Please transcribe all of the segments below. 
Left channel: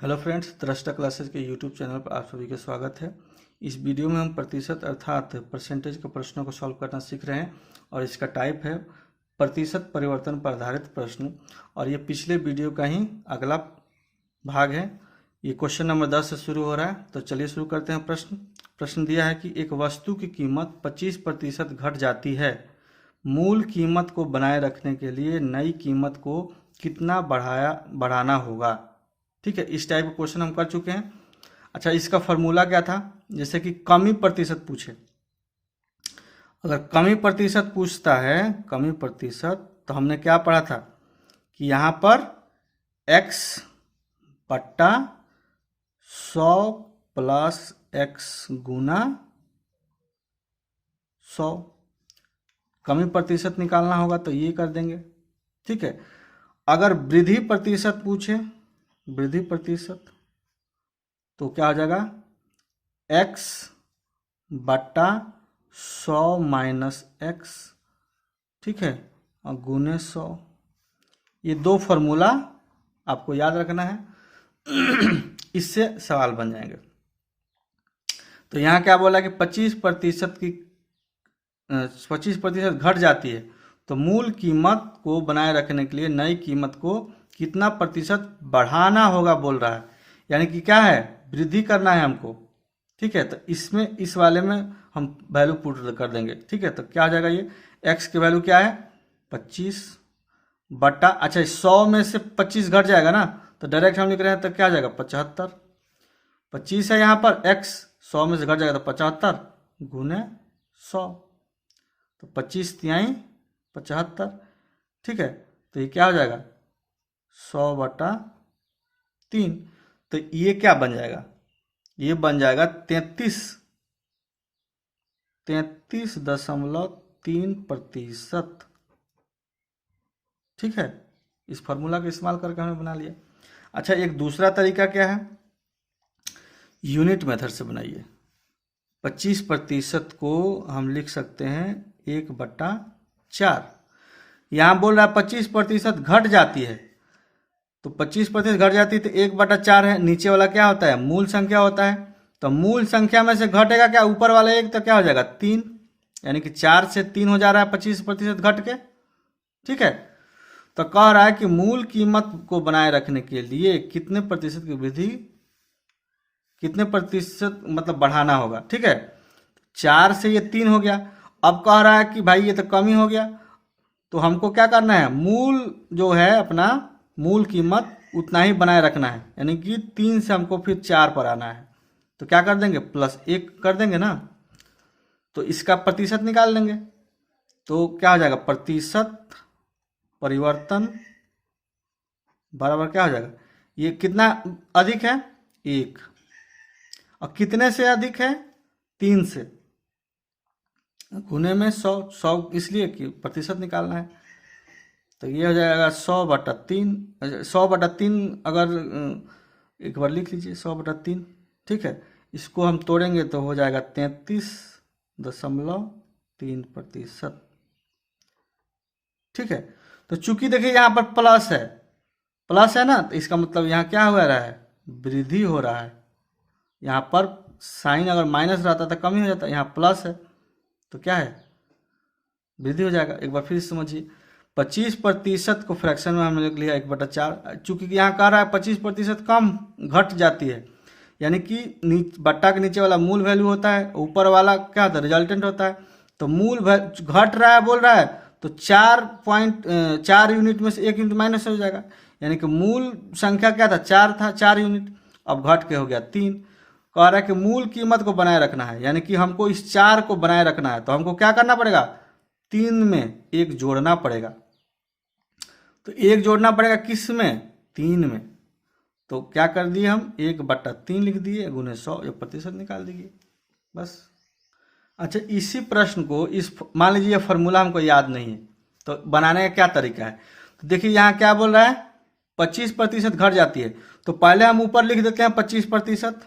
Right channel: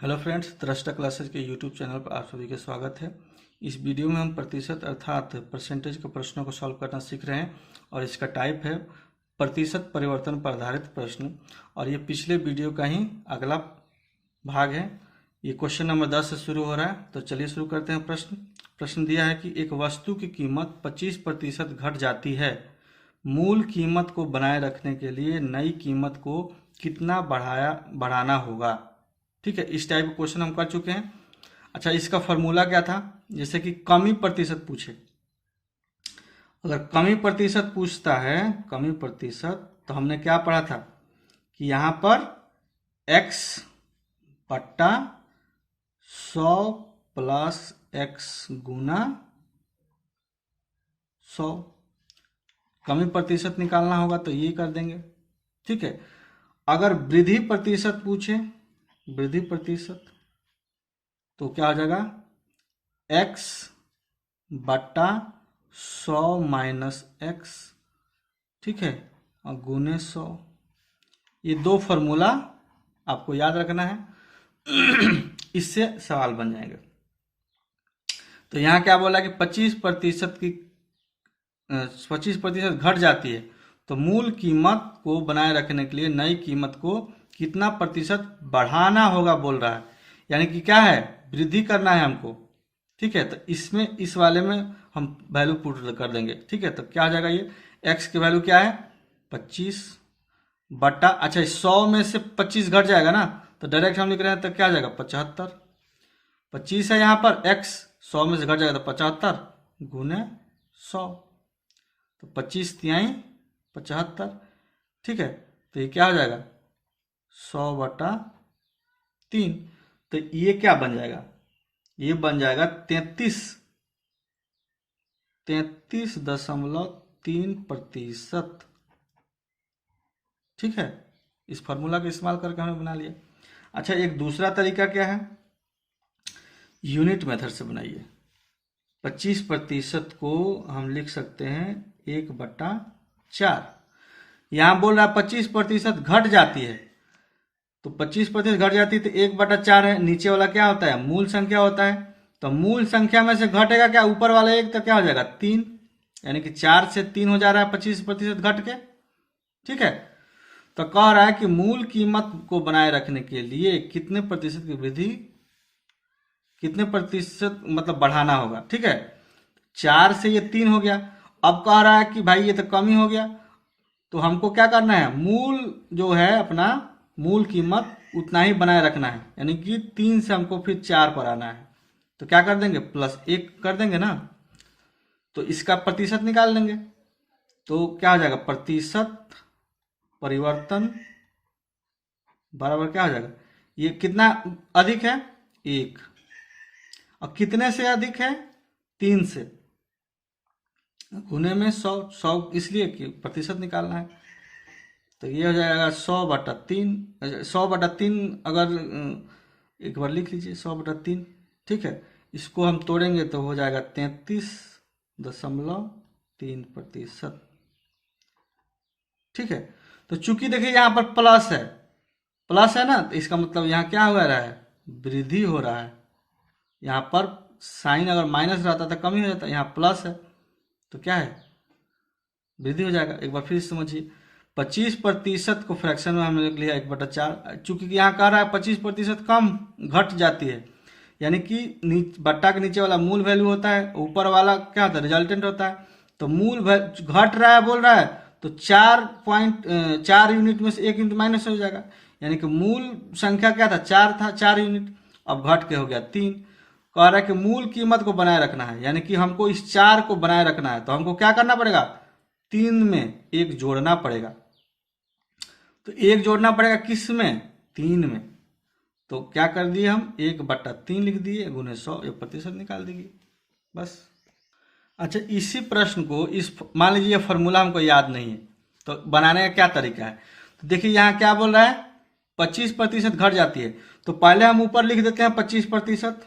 Hello friends, दृष्टा classes के YouTube channel पर आप सभी का स्वागत है। इस वीडियो में हम प्रतिशत अर्थात परसेंटेज के प्रश्नों को सॉल्व करना सीख रहे हैं और इसका टाइप है प्रतिशत परिवर्तन पर आधारित प्रश्न। और ये पिछले वीडियो का ही अगला भाग है। ये क्वेश्चन नंबर 10 से शुरू हो रहा है, तो चलिए शुरू करते हैं। प्रश्न दिया है कि एक वस्तु की कीमत 25% घट जाती है। मूल कीमत को बनाए रखने के लिए नई कीमत को कितना बढ़ाना होगा। ठीक है, इस टाइप का क्वेश्चन हम कर चुके हैं। अच्छा, इसका फॉर्मूला क्या था? जैसे कि कमी प्रतिशत पूछे, अगर कमी प्रतिशत पूछता है, कमी प्रतिशत, तो हमने क्या पढ़ा था कि यहाँ पर x बट्टा 100 प्लस x गुना 100 कमी प्रतिशत निकालना होगा, तो ये कर देंगे। ठीक है, अगर वृद्धि प्रतिशत पूछे, वृद्धि प्रतिशत, तो क्या हो जाएगा x बट्टा 100 माइनस x। ठीक है, और गुने 100। ये दो फॉर्मूला आपको याद रखना है, इससे सवाल बन जाएंगे। तो यहाँ क्या बोला कि 25% घट जाती है, तो मूल कीमत को बनाए रखने के लिए नई कीमत को कितना प्रतिशत बढ़ाना होगा बोल रहा है। यानी कि क्या है, वृद्धि करना है हमको। ठीक है, तो इसमें इस वाले में हम वैल्यू पुट कर देंगे। ठीक है, तो क्या हो जाएगा, ये x की वैल्यू क्या है 25 बट्टा, अच्छा 100 में से 25 घट जाएगा ना, तो डायरेक्ट हम लिख रहे हैं, तो क्या आ जाएगा 75। 25 है यहाँ पर, x 100 में से घट जाएगा तो 75 गुने 100, तो 25 तिहाई 75। ठीक है, तो ये क्या हो जाएगा 100 बटा 3। तो ये क्या बन जाएगा, ये बन जाएगा 33.3%। ठीक है, इस फार्मूला का इस्तेमाल करके हमने बना लिया। अच्छा, एक दूसरा तरीका क्या है, यूनिट मेथड से बनाइए। 25% को हम लिख सकते हैं 1/4। यहां बोल रहा है 25% घट जाती है, तो 25% घट जाती है, तो 1/4 है। नीचे वाला क्या होता है, मूल संख्या होता है, तो मूल संख्या में से घटेगा क्या, ऊपर वाला 1, तो क्या हो जाएगा 3। यानी कि 4 से 3 हो जा रहा है 25% घट के। ठीक है, तो कह रहा है कि मूल कीमत को बनाए रखने के लिए कितने प्रतिशत की वृद्धि, कितने प्रतिशत मतलब बढ़ाना होगा। ठीक है, 4 से ये 3 हो गया। अब कह रहा है कि भाई ये तो कम ही हो गया, तो हमको क्या करना है, मूल जो है अपना मूल कीमत उतना ही बनाए रखना है। यानी कि 3 से हमको फिर 4 पर आना है, तो क्या कर देंगे +1 कर देंगे ना, तो इसका प्रतिशत निकाल लेंगे। तो क्या हो जाएगा, प्रतिशत परिवर्तन बराबर क्या हो जाएगा, ये कितना अधिक है 1, और कितने से अधिक है 3 से, गुने में 100 इसलिए कि प्रतिशत निकालना है। तो ये हो जाएगा 100/3। 100/3 अगर एक बार लिख लीजिए 100/3। ठीक है, इसको हम तोड़ेंगे तो हो जाएगा 33.3%। ठीक है, तो चूंकि देखिए यहाँ पर प्लस है ना, तो इसका मतलब यहाँ क्या हो रहा है, वृद्धि हो रहा है। यहाँ पर साइन अगर माइनस रहता तो कम ही हो जाता, यहाँ प्लस है तो क्या है, वृद्धि हो जाएगा। एक बार फिर समझिए, 25% को फ्रैक्शन में हमने लिख लिया 1/4। चूंकि यहाँ कह रहा है 25% कम घट जाती है, यानी कि बट्टा के नीचे वाला मूल वैल्यू होता है, ऊपर वाला क्या होता है, रिजल्टेंट होता है। तो मूल घट रहा है बोल रहा है, तो 4 यूनिट में से 1 यूनिट माइनस हो जाएगा। यानी कि मूल संख्या क्या था, 4 था, 4 यूनिट, अब घट के हो गया 3। कह रहा है कि मूल कीमत को बनाए रखना है, यानी कि हमको इस 4 को बनाए रखना है, तो हमको क्या करना पड़ेगा, 3 में 1 जोड़ना पड़ेगा। तो 1 जोड़ना पड़ेगा किस में, 3 में। तो क्या कर दिए हम, 1/3 लिख दिए गुने 100, ये प्रतिशत निकाल दीजिए बस। अच्छा, इसी प्रश्न को मान लीजिए ये फॉर्मूला हमको याद नहीं है, तो बनाने का क्या तरीका है। तो देखिए यहाँ क्या बोल रहा है, 25% घट जाती है, तो पहले हम ऊपर लिख देते हैं 25%।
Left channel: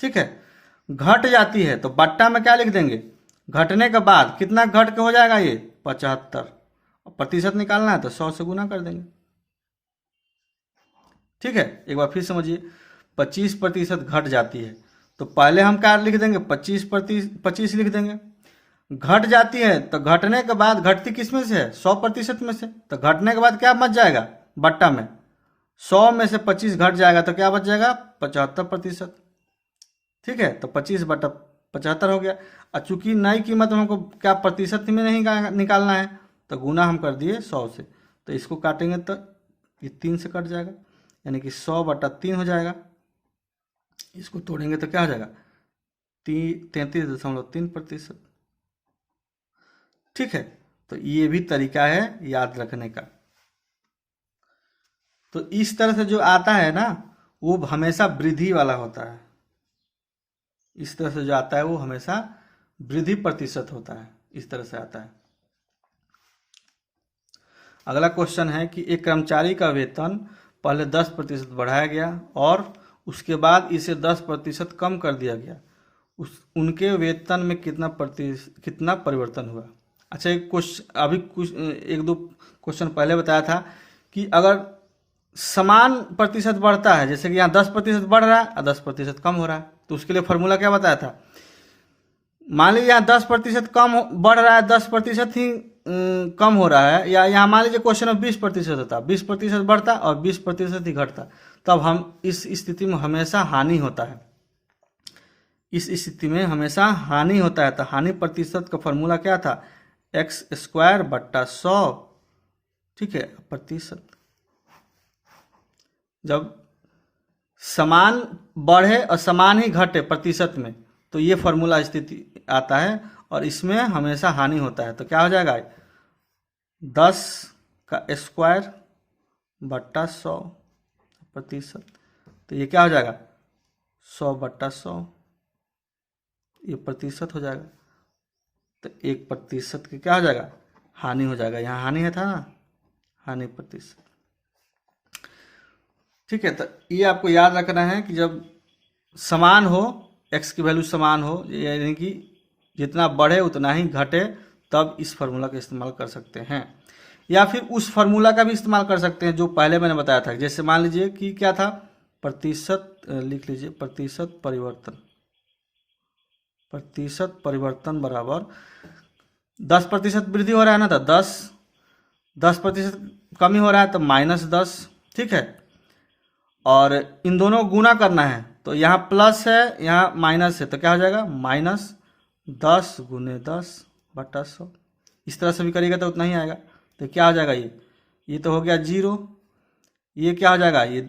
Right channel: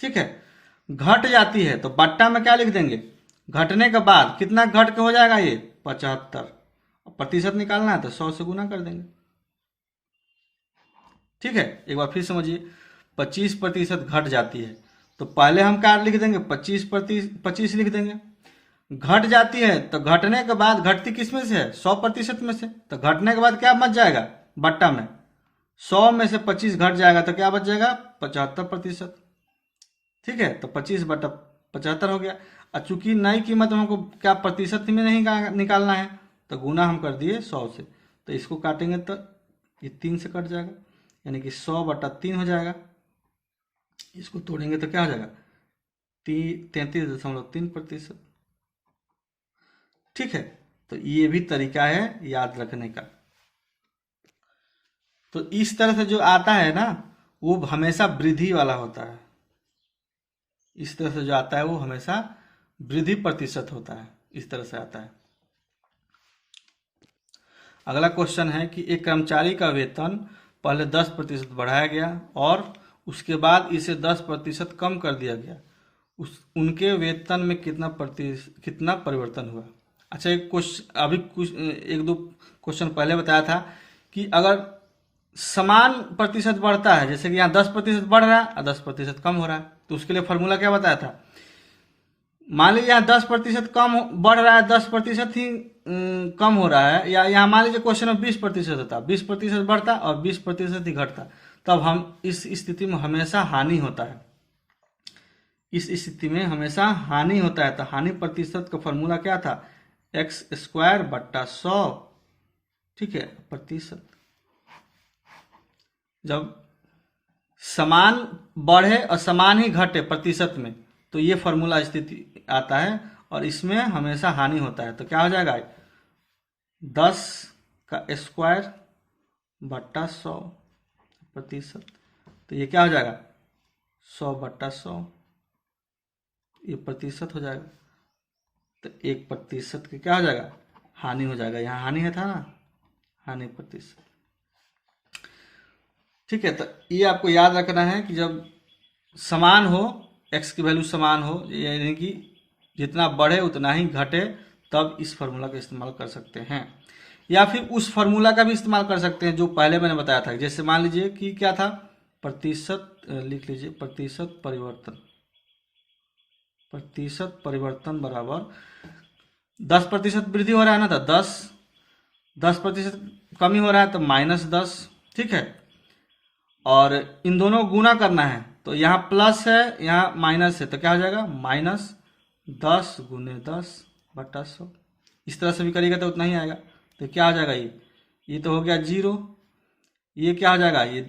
ठीक है, घट जाती है तो बट्टा में क्या लिख देंगे, घटने के बाद कितना घट के हो जाएगा ये 75। प्रतिशत निकालना है तो 100 से गुना कर देंगे। ठीक है, एक बार फिर समझिए, 25% घट जाती है तो पहले हम क्या लिख देंगे, 25 लिख देंगे। घट जाती है तो घटने के बाद घटती किस में से है, 100% में से, तो घटने के बाद क्या बच जाएगा बट्टा में, 100 में से 25 घट जाएगा तो क्या बच जाएगा 75%। ठीक है, तो 25/75 हो गया। और चूंकि नई कीमत में हमको क्या प्रतिशत में नहीं निकालना है तो गुना हम कर दिए 100 से, तो इसको काटेंगे तो ये 3 से कट जाएगा, यानी कि 100/3 हो जाएगा। इसको तोड़ेंगे तो क्या हो जाएगा 33.3%। ठीक है, तो ये भी तरीका है याद रखने का। तो इस तरह से जो आता है ना वो हमेशा वृद्धि वाला होता है, इस तरह से जो आता है वो हमेशा वृद्धि प्रतिशत होता है, इस तरह से आता है। अगला क्वेश्चन है कि एक कर्मचारी का वेतन पहले 10% बढ़ाया गया और उसके बाद इसे 10% कम कर दिया गया, उनके वेतन में कितना परिवर्तन हुआ। अच्छा, एक क्वेश्चन अभी कुछ 1-2 क्वेश्चन पहले बताया था कि अगर समान प्रतिशत बढ़ता है, जैसे कि यहाँ 10% बढ़ रहा है और 10% कम हो रहा है, तो उसके लिए फॉर्मूला क्या बताया था। मान लीजिए यहाँ 10% कम बढ़ रहा है, 10% ही कम हो रहा है, या यहाँ मान लीजिए क्वेश्चन में 20% होता, 20% बढ़ता और 20% ही घटता, तब हम इस स्थिति में हमेशा हानि होता है, इस स्थिति में हमेशा हानि होता है। तो हानि प्रतिशत का फॉर्मूला क्या था, x²/100। ठीक है, प्रतिशत जब समान बढ़े और समान ही घटे प्रतिशत में तो ये फॉर्मूला स्थिति आता है और इसमें हमेशा हानि होता है। तो क्या हो जाएगा 10/100 तो ये क्या हो जाएगा 100/100, ये प्रतिशत हो जाएगा। तो 1% की क्या हो जाएगा हानि हो जाएगा, यहाँ हानि है था ना, हानि प्रतिशत। ठीक है, तो ये आपको याद रखना है कि जब समान हो, x की वैल्यू समान हो, यानी कि जितना बढ़े उतना ही घटे, तब इस फार्मूला का इस्तेमाल कर सकते हैं। या फिर उस फार्मूला का भी इस्तेमाल कर सकते हैं जो पहले मैंने बताया था। जैसे मान लीजिए कि क्या था, प्रतिशत लिख लीजिए, प्रतिशत परिवर्तन बराबर 10% वृद्धि हो रहा है ना, तो 10% कमी हो रहा है तो -10। ठीक है, और इन दोनों को गुना करना है तो यहाँ प्लस है यहाँ माइनस है, तो क्या हो जाएगा -10 × 10/100। इस तरह से भी करिएगा तो उतना ही आएगा। तो क्या हो जाएगा ये तो हो गया 0, ये क्या हो जाएगा ये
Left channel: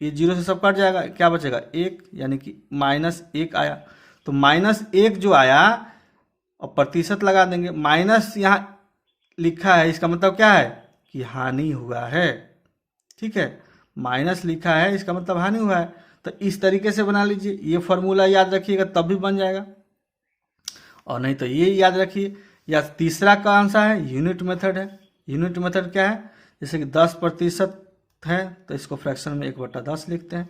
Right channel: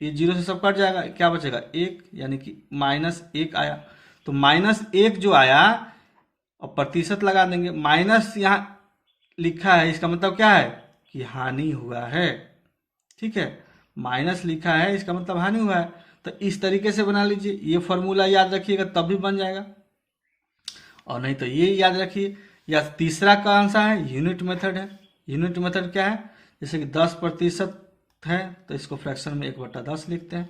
0 से सब कट जाएगा, क्या बचेगा 1, यानी कि -1 आया। तो -1 जो आया और प्रतिशत लगा देंगे, माइनस यहाँ लिखा है इसका मतलब क्या है कि हानि हुआ है। ठीक है, माइनस लिखा है इसका मतलब हानि हुआ है। तो इस तरीके से बना लीजिए, ये फॉर्मूला याद रखिएगा तब भी बन जाएगा, और नहीं तो ये याद रखिए। या तीसरा कौन सा है, यूनिट मेथड है। यूनिट मेथड क्या है, जैसे कि 10% है तो इसको फ्रैक्शन में 1/10 लिखते हैं।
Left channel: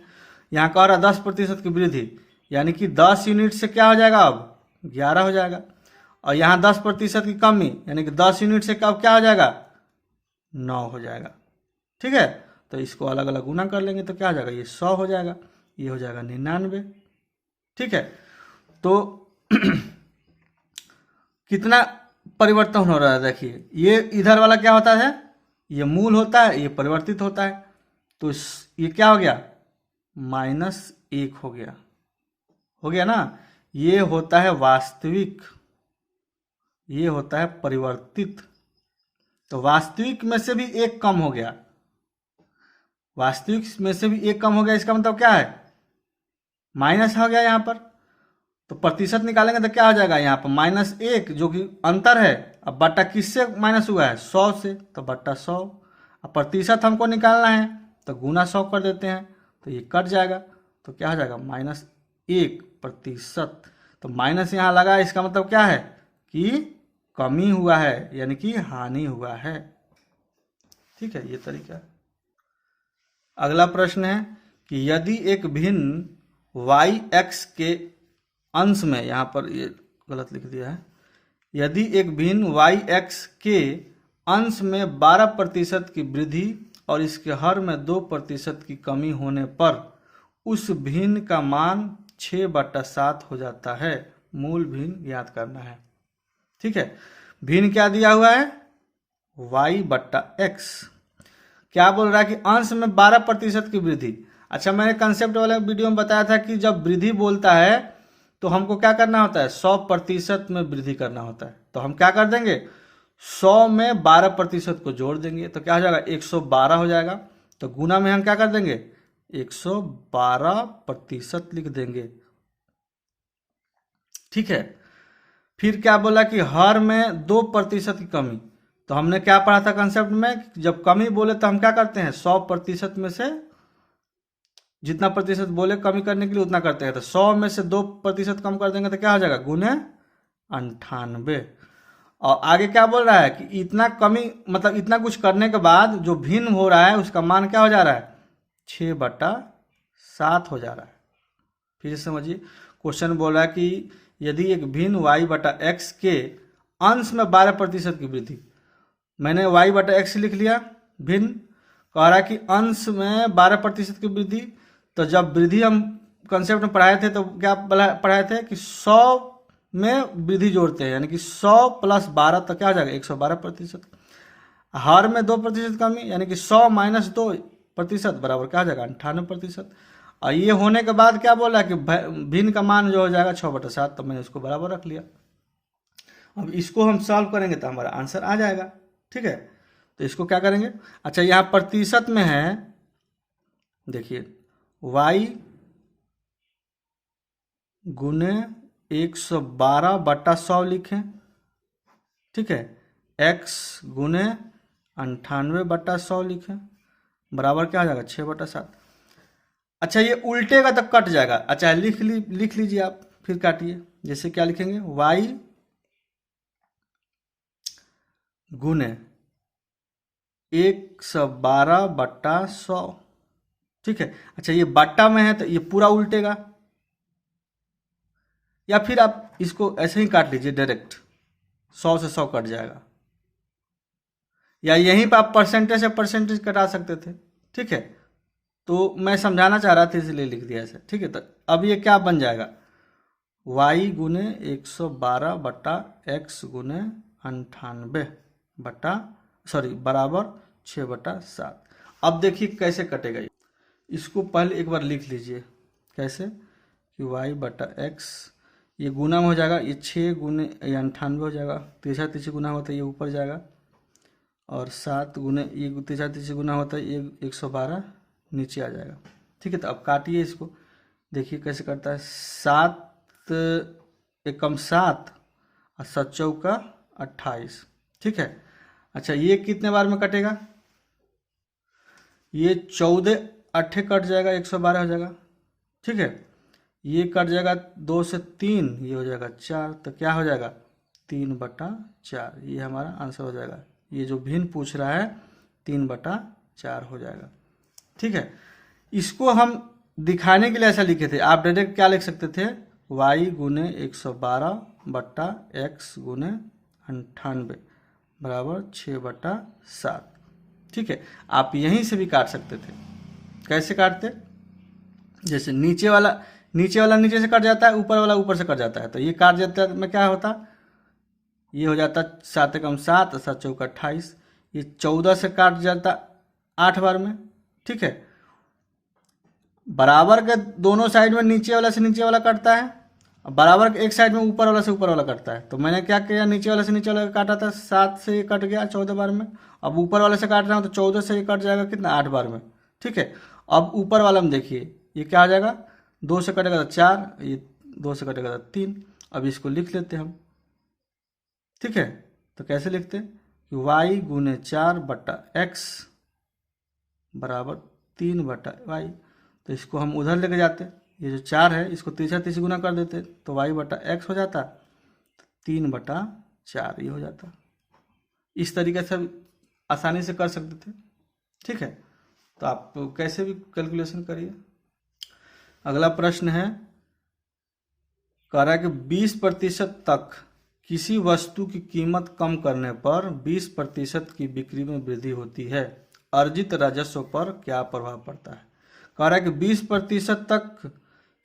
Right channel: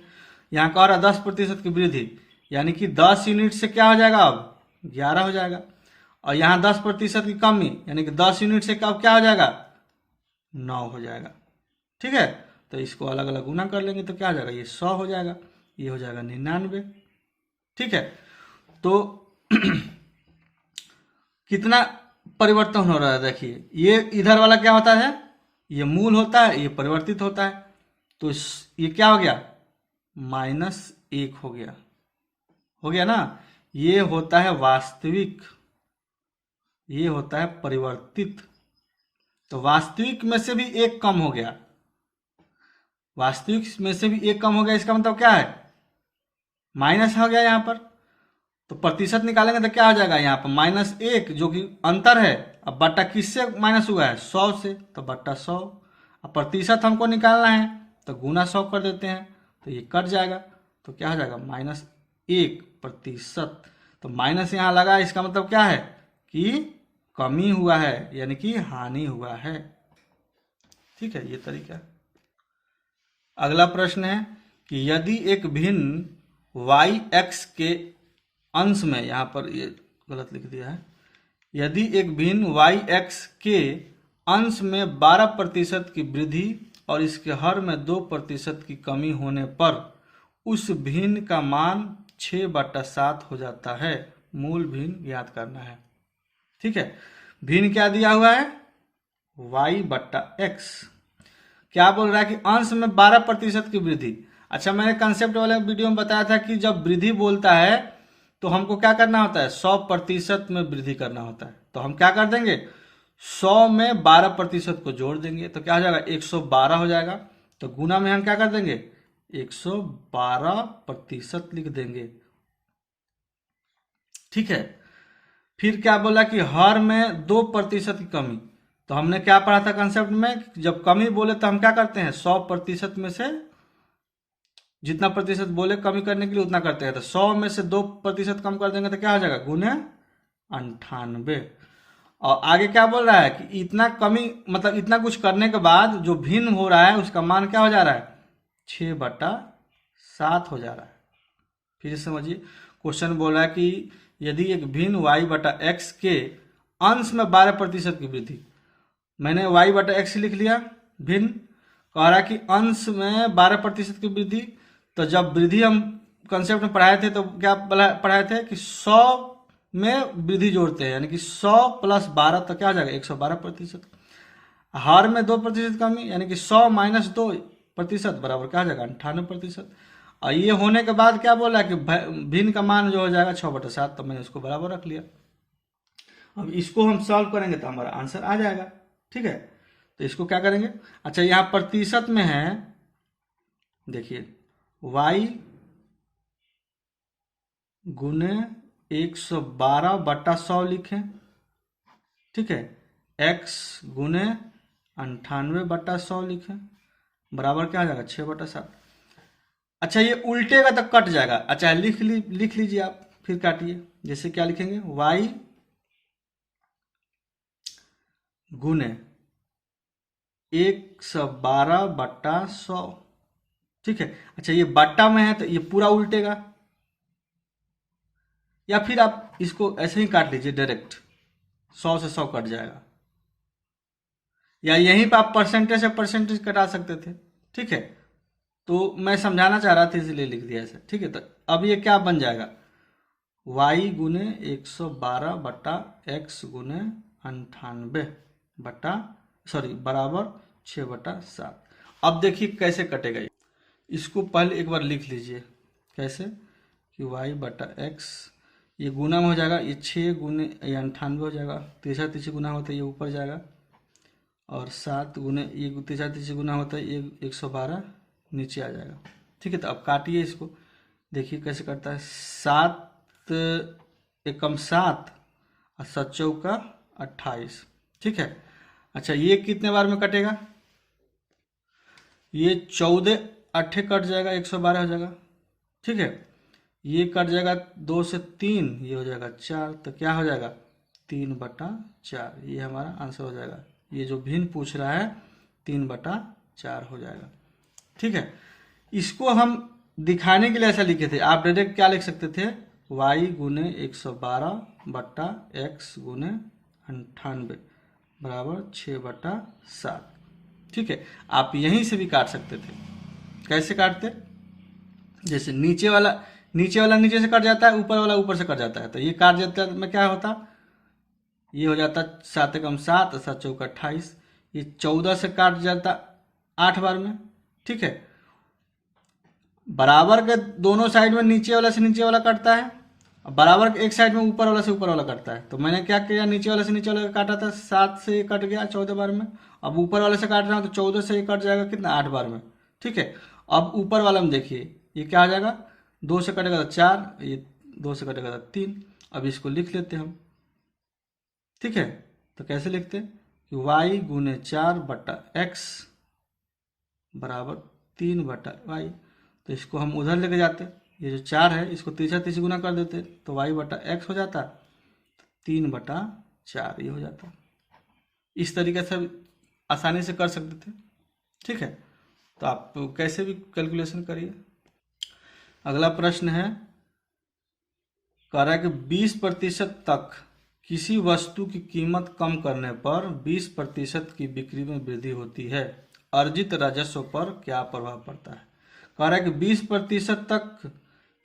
यहाँ का रहा 10% की वृद्धि, यानी कि 10 यूनिट से क्या हो जाएगा अब 11 हो जाएगा। और यहाँ 10% की कमी, यानी कि 10 यूनिट से कब क्या हो जाएगा 9 हो जाएगा। ठीक है, तो इसको अलग अलग गुना कर लेंगे तो क्या हो जाएगा, ये 100 हो जाएगा, ये हो जाएगा 99। ठीक है, तो कितना परिवर्तन हो रहा है देखिए, ये इधर वाला क्या होता है, ये मूल होता है, ये परिवर्तित होता है। तो ये क्या हो गया -1 हो गया ना। ये होता है वास्तविक, ये होता है परिवर्तित। तो वास्तविक में से भी 1 कम हो गया, वास्तविक में से भी 1 कम हो गया, इसका मतलब क्या है माइनस हो गया यहाँ पर। तो प्रतिशत निकालेंगे तो क्या हो जाएगा यहाँ पर -1 जो कि अंतर है। अब बट्टा किससे माइनस हुआ है 100 से, तो बट्टा 100। अब प्रतिशत हमको निकालना है तो गुना 100 कर देते हैं, तो ये कट जाएगा, तो क्या हो जाएगा -1%। तो माइनस यहाँ लगा, इसका मतलब क्या है कि कमी हुआ है, यानी कि हानि हुआ है। ठीक है, ये तरीका। अगला प्रश्न है कि यदि एक भिन्न y(x) के अंश में, यहाँ पर ये गलत लिख दिया है, यदि एक भिन्न y(x) के अंश में 12% की वृद्धि और इसके हर में 2% की कमी होने पर उस भिन्न का मान 6/7 हो जाता है। मूल भिन्न ज्ञात करना है। ठीक है, भिन्न क्या दिया हुआ है, y/x। क्या बोल रहा है कि अंश में 12% की वृद्धि। अच्छा, मैंने कंसेप्ट वाले वीडियो में बताया था कि जब वृद्धि बोलता है तो हमको क्या करना होता है, 100% में वृद्धि करना होता है। तो हम क्या कर देंगे, 100 में 12% को जोड़ देंगे तो क्या हो जाएगा, 112 हो जाएगा। तो गुना में हम क्या कर देंगे, 112% लिख देंगे। ठीक है, फिर क्या बोला कि हर में 2% की कमी। तो हमने क्या पढ़ा था कंसेप्ट में, जब कमी बोले तो हम क्या करते हैं, 100% में से जितना प्रतिशत बोले कमी करने के लिए उतना करते हैं। तो 100 में से 2% कम कर देंगे तो क्या हो जाएगा, गुने 98। और आगे क्या बोल रहा है कि इतना कमी मतलब इतना कुछ करने के बाद जो भिन्न हो रहा है उसका मान क्या हो जा रहा है, 6/7 हो जा रहा है। फिर समझिए, क्वेश्चन बोला कि यदि एक भिन्न y/x के अंश में 12% की वृद्धि, मैंने y/x लिख लिया, भिन्न कह रहा कि अंश में 12% की वृद्धि। तो जब वृद्धि हम कंसेप्ट में पढ़ाए थे तो क्या पढ़ाए थे कि 100 में वृद्धि जोड़ते हैं, यानी कि 100 + 12 तो क्या हो जाएगा, 112%। हर में 2% कमी, यानी कि 100 - 2% बराबर क्या हो जाएगा, 98%। और ये होने के बाद क्या बोला कि भिन्न का मान जो हो जाएगा 6/7। तो मैंने इसको बराबर रख लिया। अब इसको हम सॉल्व करेंगे तो हमारा आंसर आ जाएगा। ठीक है, तो इसको क्या करेंगे, अच्छा यहाँ प्रतिशत में है, देखिए y गुने 112/100 लिखें। ठीक है, x गुने 98/100 लिखें, बराबर क्या हो जाएगा, 6/7। अच्छा, ये उल्टेगा तो कट जाएगा। अच्छा, लिख लीजिए आप, फिर काटिए। जैसे क्या लिखेंगे, y गुने 112/100। ठीक है, अच्छा ये बट्टा में है तो ये पूरा उल्टेगा, या फिर आप इसको ऐसे ही काट लीजिए डायरेक्ट, 100 से 100 कट जाएगा, या यहीं पर आप परसेंटेज से परसेंटेज कटा सकते थे। ठीक है, तो मैं समझाना चाह रहा था इसलिए लिख दिया ऐसे। ठीक है, तो अब ये क्या बन जाएगा, y गुने 112/x गुने 98 बराबर 6/7। अब देखिए कैसे कटेगा ये। इसको पहले एक बार लिख लीजिए, कैसे कि y/x, ये गुना में हो जाएगा, ये 6 गुने 98 हो जाएगा, तीसरा तीसरी गुना होता है ये ऊपर जाएगा, और 7 गुने ये तीसरा तीसरी गुना होता है ये 112 नीचे आ जाएगा। ठीक है, तो अब काटिए इसको, देखिए कैसे करता है। 7 एकम 7 और 7 चौका 28। ठीक है, अच्छा ये कितने बार में कटेगा, ये 14 8 कट जाएगा, 112 हो जाएगा। ठीक है, ये कट जाएगा 2 से 3, ये हो जाएगा 4, तो क्या हो जाएगा, 3/4। ये हमारा आंसर हो जाएगा। ये जो भिन्न पूछ रहा है 3/4 हो जाएगा। ठीक है, इसको हम दिखाने के लिए ऐसा लिखे थे, आप डायरेक्ट क्या लिख सकते थे, y गुने 112/x गुने 98 बराबर 6/7। ठीक है, आप यहीं से भी काट सकते थे। कैसे काटते, जैसे नीचे वाला नीचे से कट जाता है, ऊपर वाला ऊपर से कट जाता है, तो ये काट जाता में क्या होता, ये हो जाता 7 एकम 7 7 चौका 28। ये 14 से काट जाता 8 बार में। ठीक है, बराबर के दोनों साइड में नीचे वाला से नीचे वाला कटता है, बराबर के एक साइड में ऊपर वाला से ऊपर वाला कटता है। तो मैंने क्या किया, नीचे वाला से नीचे वाला काटा था, 7 से ये कट गया 14 बार में। अब ऊपर वाले से काट रहा हूँ तो 14 से ये कट जाएगा कितना, 8 बार में। ठीक है, अब ऊपर वाला में देखिए ये क्या आ जाएगा, 2 से कटेगा तो 4, ये 2 से कटेगा तो 3। अब इसको लिख लेते हैं हम। ठीक है, तो कैसे लिखते हैं कि y गुने 4/x बराबर 3/y। तो इसको हम उधर लेके जाते, ये जो 4 है इसको तीसरा तीसरी गुना कर देते तो y/x हो जाता 3/4, ये हो जाता। इस तरीके से आसानी से कर सकते थे। ठीक है, तो आप कैसे भी कैलकुलेशन करिए। अगला प्रश्न है, कह रहा है कि 20% तक किसी वस्तु की कीमत कम करने पर 20% की बिक्री में वृद्धि होती है। अर्जित राजस्व पर क्या प्रभाव पड़ता है। कह रहा है कि 20% तक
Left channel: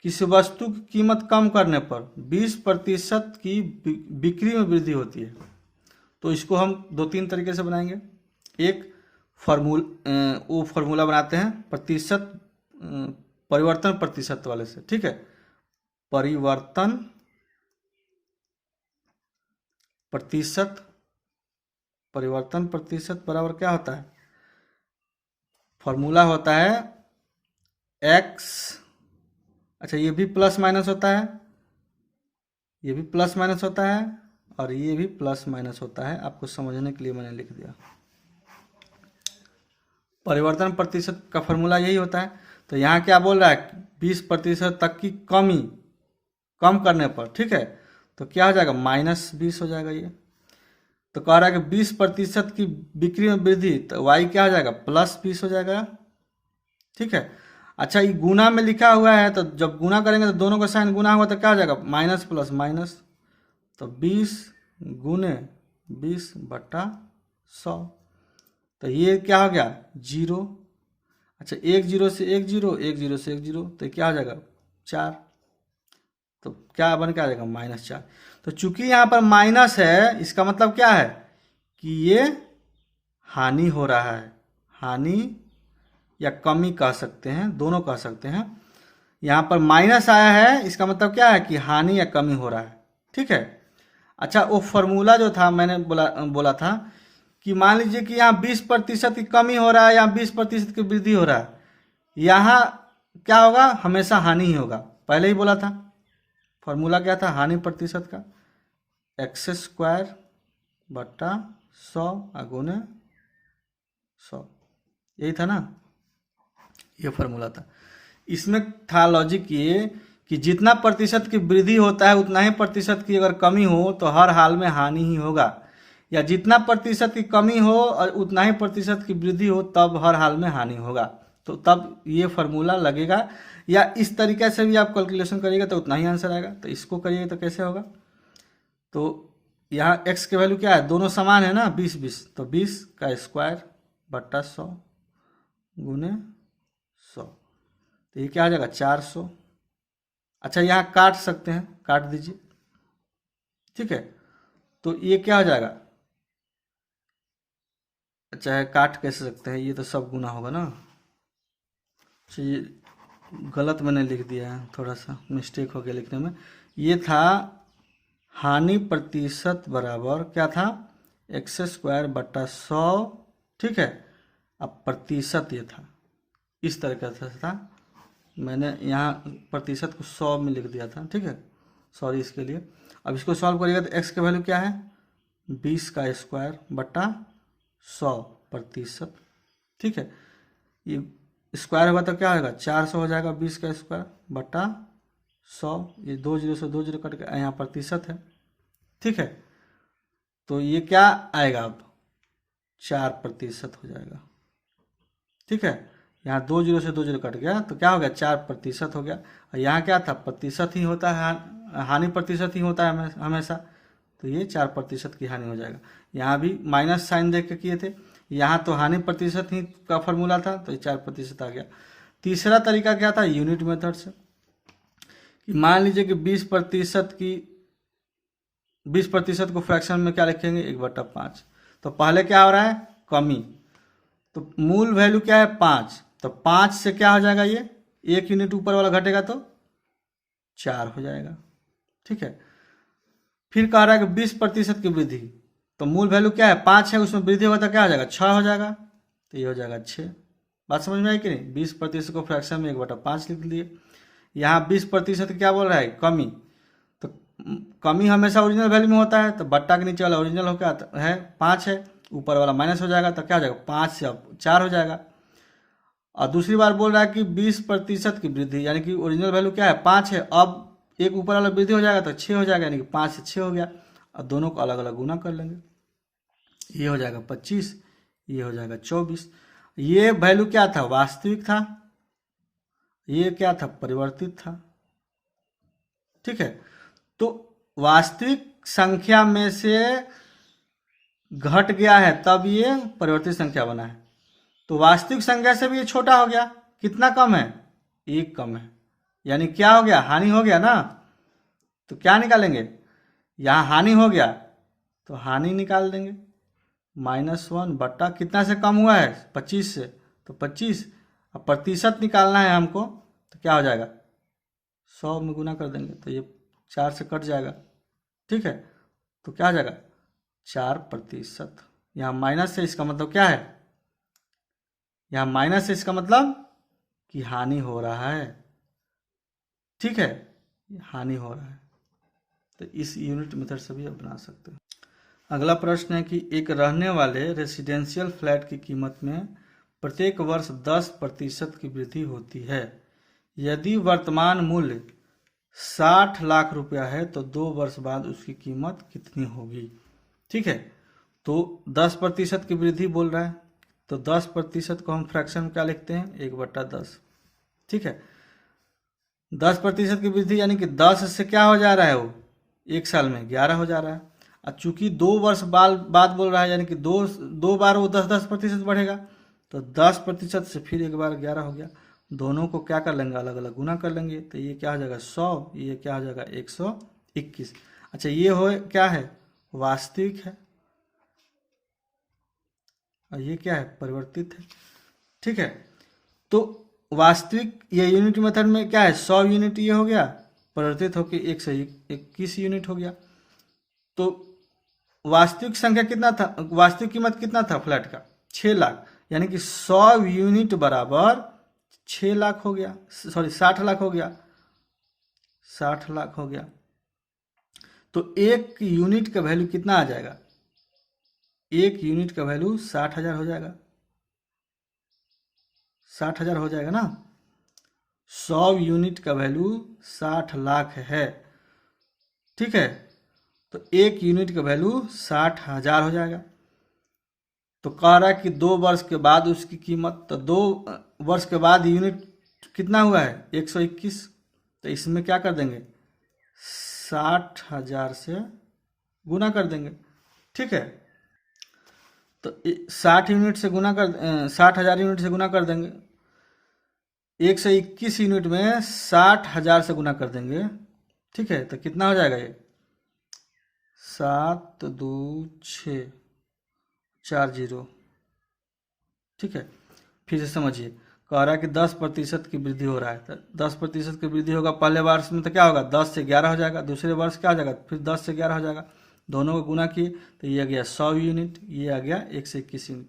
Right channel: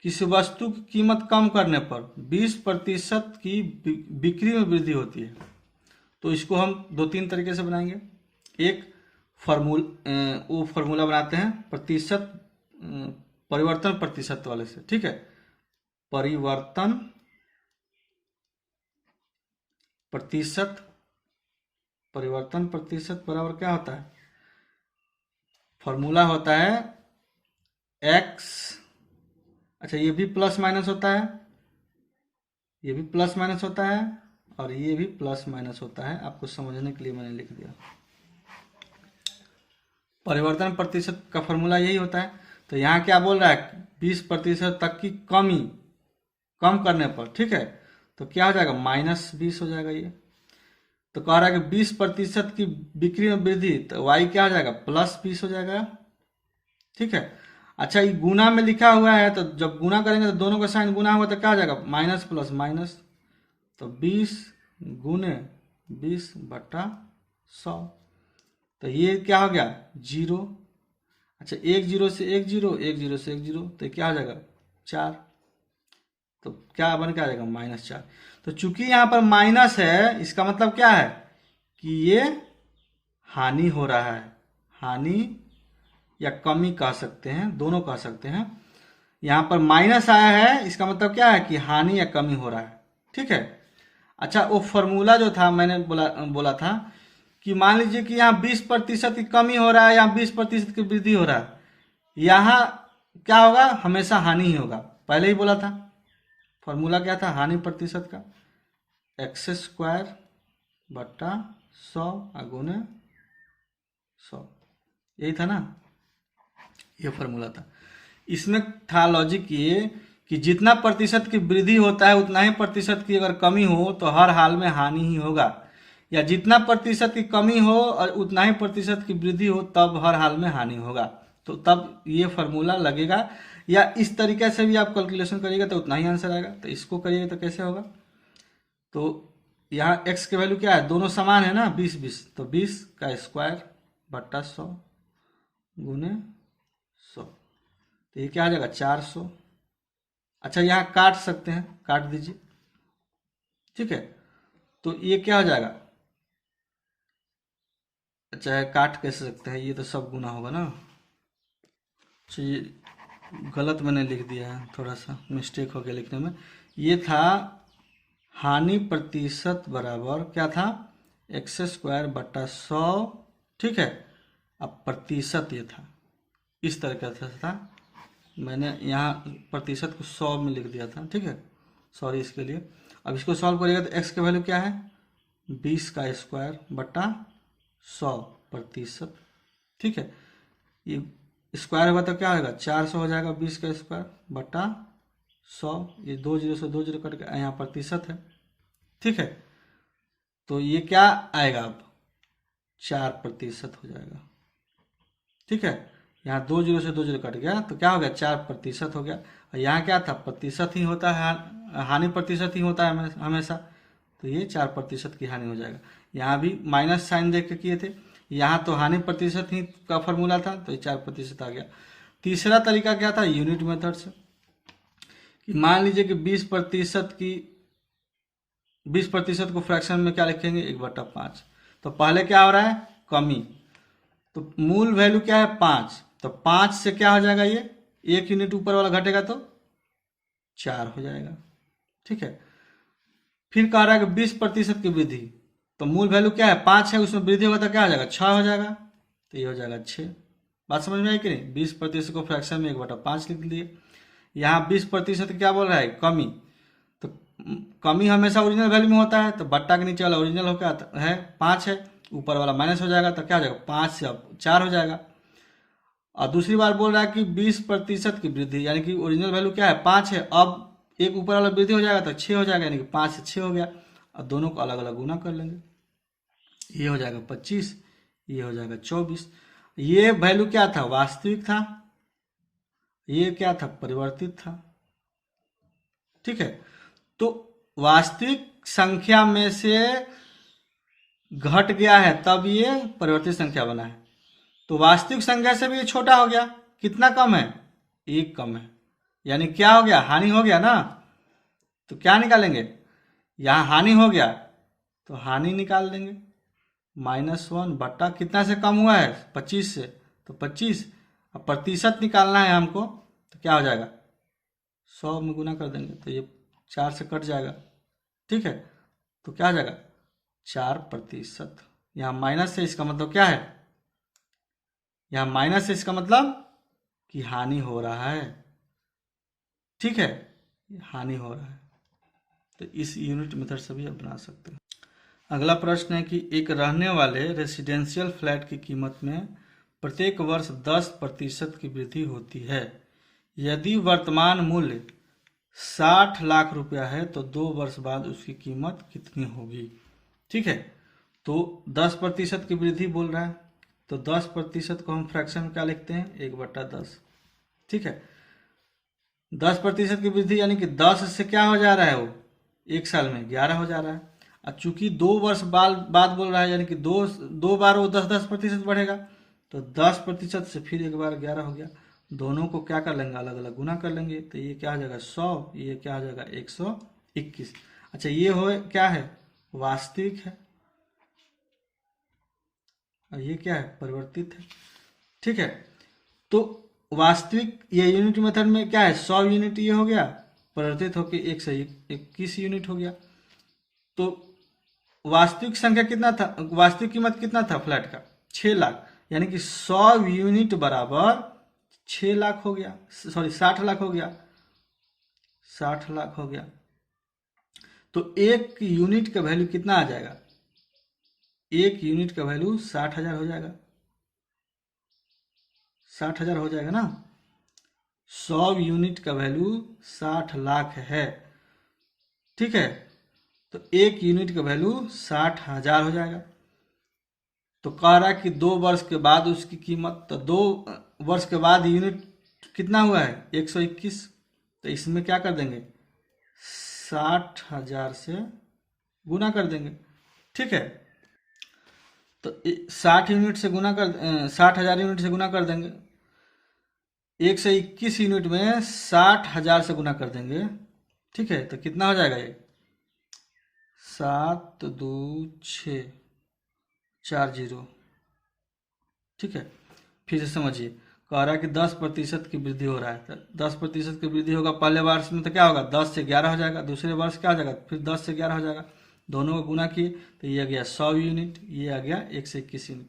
किसी वस्तु की कीमत कम करने पर 20% की बिक्री में वृद्धि होती है। तो इसको हम 2-3 तरीके से बनाएंगे। एक वो फॉर्मूला बनाते हैं प्रतिशत, परिवर्तन प्रतिशत वाले से, ठीक है। परिवर्तन प्रतिशत बराबर क्या होता है, फॉर्मूला होता है x, अच्छा ये भी प्लस माइनस होता है, ये भी प्लस माइनस होता है और ये भी प्लस माइनस होता है। आपको समझने के लिए मैंने लिख दिया। परिवर्तन प्रतिशत का फॉर्मूला यही होता है। तो यहाँ क्या बोल रहा है, 20% तक की कमी कम करने पर, ठीक है, तो क्या हो जाएगा, -20 हो जाएगा ये। तो कह रहा है कि 20% की बिक्री में वृद्धि, तो y क्या हो जाएगा, +20 हो जाएगा, ठीक है। अच्छा ये गुना में लिखा हुआ है, तो जब गुना करेंगे तो दोनों का साइन गुना होगा तो क्या हो जाएगा, माइनस प्लस माइनस, तो 20 गुने 20/100, तो ये क्या हो गया, 0। अच्छा 1 0 से 1 0, 1 0 से 1 0, तो क्या हो जाएगा 4, तो क्या बन के आ जाएगा -4। तो चूंकि यहाँ पर माइनस है, इसका मतलब क्या है कि ये हानि हो रहा है, हानि या कमी कह सकते हैं, दोनों कह सकते हैं। यहाँ पर माइनस आया है, इसका मतलब क्या है कि हानि या कमी हो रहा है, ठीक है। अच्छा वो फॉर्मूला जो था मैंने बोला था कि मान लीजिए कि यहाँ 20% की कमी हो रहा है, यहाँ 20% की वृद्धि हो रहा है, यहाँ क्या होगा, हमेशा हानि ही होगा। पहले ही बोला था, फॉर्मूला क्या था, हानि प्रतिशत का x² बटा 100 गुने 100, यही था ना, ये फॉर्मूला था। इसमें था लॉजिक ये कि जितना प्रतिशत की वृद्धि होता है उतना ही प्रतिशत की अगर कमी हो तो हर हाल में हानि ही होगा, या जितना प्रतिशत की कमी हो और उतना ही प्रतिशत की वृद्धि हो तब हर हाल में हानि होगा। तो तब ये फॉर्मूला लगेगा, या इस तरीके से भी आप कैलकुलेशन करिएगा तो उतना ही आंसर आएगा। तो इसको करिएगा तो कैसे होगा, तो यहाँ x के वैल्यू क्या है, दोनों समान है ना, 20-20, तो 20² बटा 100 गुने 100, तो ये क्या आ जाएगा 400। अच्छा यहाँ काट सकते हैं, काट दीजिए, ठीक है, तो ये क्या हो जाएगा, अच्छा है काट कैसे सकते हैं, ये तो सब गुना होगा ना। अच्छा ये गलत मैंने लिख दिया है, थोड़ा सा मिस्टेक हो गया लिखने में। ये था हानि प्रतिशत बराबर क्या था, x² बटा 100, ठीक है। अब प्रतिशत ये था, इस तरह से था, मैंने यहाँ प्रतिशत को 100 में लिख दिया था, ठीक है, सॉरी इसके लिए। अब इसको सॉल्व करिएगा तो x की वैल्यू क्या है, 20² बटा 100%, ठीक है। ये स्क्वायर होगा तो क्या होगा, 400 हो जाएगा, 20² बटा 100, ये 2 0 से 2 0 कट के यहाँ प्रतिशत है, ठीक है। तो ये क्या आएगा, अब 4% हो जाएगा, ठीक है। यहाँ 2 0 से 2 0 कट गया तो क्या हो गया, 4% हो गया। और यहाँ क्या था, प्रतिशत ही होता है, हानि प्रतिशत ही होता है हमेशा, तो ये 4% की हानि हो जाएगा। यहाँ भी माइनस साइन देख के किए थे, यहाँ तो हानि प्रतिशत ही का फॉर्मूला था, तो ये 4% आ गया। तीसरा तरीका क्या था, यूनिट मेथड से, कि मान लीजिए कि 20% को फ्रैक्शन में क्या लिखेंगे, 1/5। तो पहले क्या हो रहा है, कमी, तो मूल वैल्यू क्या है 5, तो 5 से क्या हो जाएगा, ये 1 यूनिट ऊपर वाला घटेगा तो 4 हो जाएगा, ठीक है। फिर कह रहा है कि 20% की वृद्धि, तो मूल वैल्यू क्या है 5 है, उसमें वृद्धि होगा तो क्या हो जाएगा 6 हो जाएगा, तो ये हो जाएगा 6। बात समझ में आई कि नहीं, 20% को फ्रैक्शन में 1/5 लिख दिए। यहाँ 20% क्या बोल रहा है, कमी, तो कमी हमेशा ओरिजिनल वैल्यू में होता है, तो बट्टा के नीचे वाला ओरिजिनल हो क्या है 5 है, ऊपर वाला माइनस हो जाएगा, तो क्या हो जाएगा 5 से अब 4 हो जाएगा। और दूसरी बार बोल रहा है कि 20% की वृद्धि, यानी कि ओरिजिनल वैल्यू क्या है 5 है, अब एक ऊपर वाला वृद्धि हो जाएगा तो 6 हो जाएगा, यानी कि 5 से 6 हो गया। और दोनों को अलग अलग गुना कर लेंगे, ये हो जाएगा 25, ये हो जाएगा 24। ये वैल्यू क्या था, वास्तविक था, ये क्या था, परिवर्तित था, ठीक है। तो वास्तविक संख्या में से घट गया है तब ये परिवर्तित संख्या बना है। तो वास्तविक संख्या से भी ये छोटा हो गया। कितना कम है? 1 कम है। यानी क्या हो गया? हानि हो गया ना। तो क्या निकालेंगे? यहाँ हानि हो गया तो हानि निकाल देंगे। -1 बट्टा कितना से कम हुआ है? 25 से, तो 25। अब प्रतिशत निकालना है हमको, तो क्या हो जाएगा? 100 में गुना कर देंगे तो ये 4 से कट जाएगा। ठीक है, तो क्या हो जाएगा? 4%। यहाँ माइनस है, इसका मतलब क्या है? यहाँ माइनस है, इसका मतलब कि हानि हो रहा है। ठीक है, हानि हो रहा है। तो इस यूनिट मेथड से भी आप बना सकते हैं। अगला प्रश्न है कि एक रहने वाले रेसिडेंशियल फ्लैट की कीमत में प्रत्येक वर्ष 10% की वृद्धि होती है। यदि वर्तमान मूल्य 60 लाख रुपया है तो 2 वर्ष बाद उसकी कीमत कितनी होगी? ठीक है, तो 10% की वृद्धि बोल रहा है, तो 10% को हम फ्रैक्शन में क्या लिखते हैं? 1/10। ठीक है, 10% की वृद्धि यानी कि 10 से क्या हो जा रहा है? वो 1 साल में 11 हो जा रहा है। और चूंकि 2 वर्ष बाद बोल रहा है, यानी कि दो बार वो 10% बढ़ेगा, तो 10% से फिर एक बार 11 हो गया। दोनों को क्या कर लेंगे? अलग अलग गुना कर लेंगे, तो ये क्या हो जाएगा? 100, ये क्या हो जाएगा? 121। अच्छा, ये हो क्या है? वास्तविक है, और ये क्या है? परिवर्तित है। ठीक है, तो वास्तविक ये यूनिट मेथड में क्या है? 100 यूनिट ये हो गया, परिवर्तित होकर 121 यूनिट हो गया। तो वास्तविक संख्या कितना था? वास्तविक कीमत कितना था फ्लैट का? 6 लाख। यानी कि 100 यूनिट बराबर 6 लाख हो गया, सॉरी 60 लाख हो गया। 60 लाख हो गया, तो एक यूनिट का वैल्यू कितना आ जाएगा? एक यूनिट का वैल्यू 60,000 हो जाएगा। 60,000 हो जाएगा ना। 100 यूनिट का वैल्यू 60 लाख है। ठीक है, तो एक यूनिट का वैल्यू 60,000 हो जाएगा। तो कह रहा है कि 2 वर्ष के बाद उसकी कीमत, तो 2 वर्ष के बाद यूनिट कितना हुआ है? 121। तो इसमें क्या कर देंगे? 60,000 से गुना कर देंगे। ठीक है, तो 60,000 यूनिट से गुना कर देंगे। 121 यूनिट में 60,000 से गुना कर देंगे। ठीक है, तो कितना हो जाएगा? ये 7 2 6 4 0। ठीक है, फिर से समझिए, कह रहा है कि 10% की वृद्धि हो रहा है। तो 10% की वृद्धि होगा पहले वर्ष में, तो क्या होगा? 10 से 11 हो जाएगा। दूसरे वर्ष क्या हो जाएगा? फिर 10 से 11 हो जाएगा। दोनों को गुना किए तो ये आ गया 100 यूनिट, ये आ गया 121 यूनिट।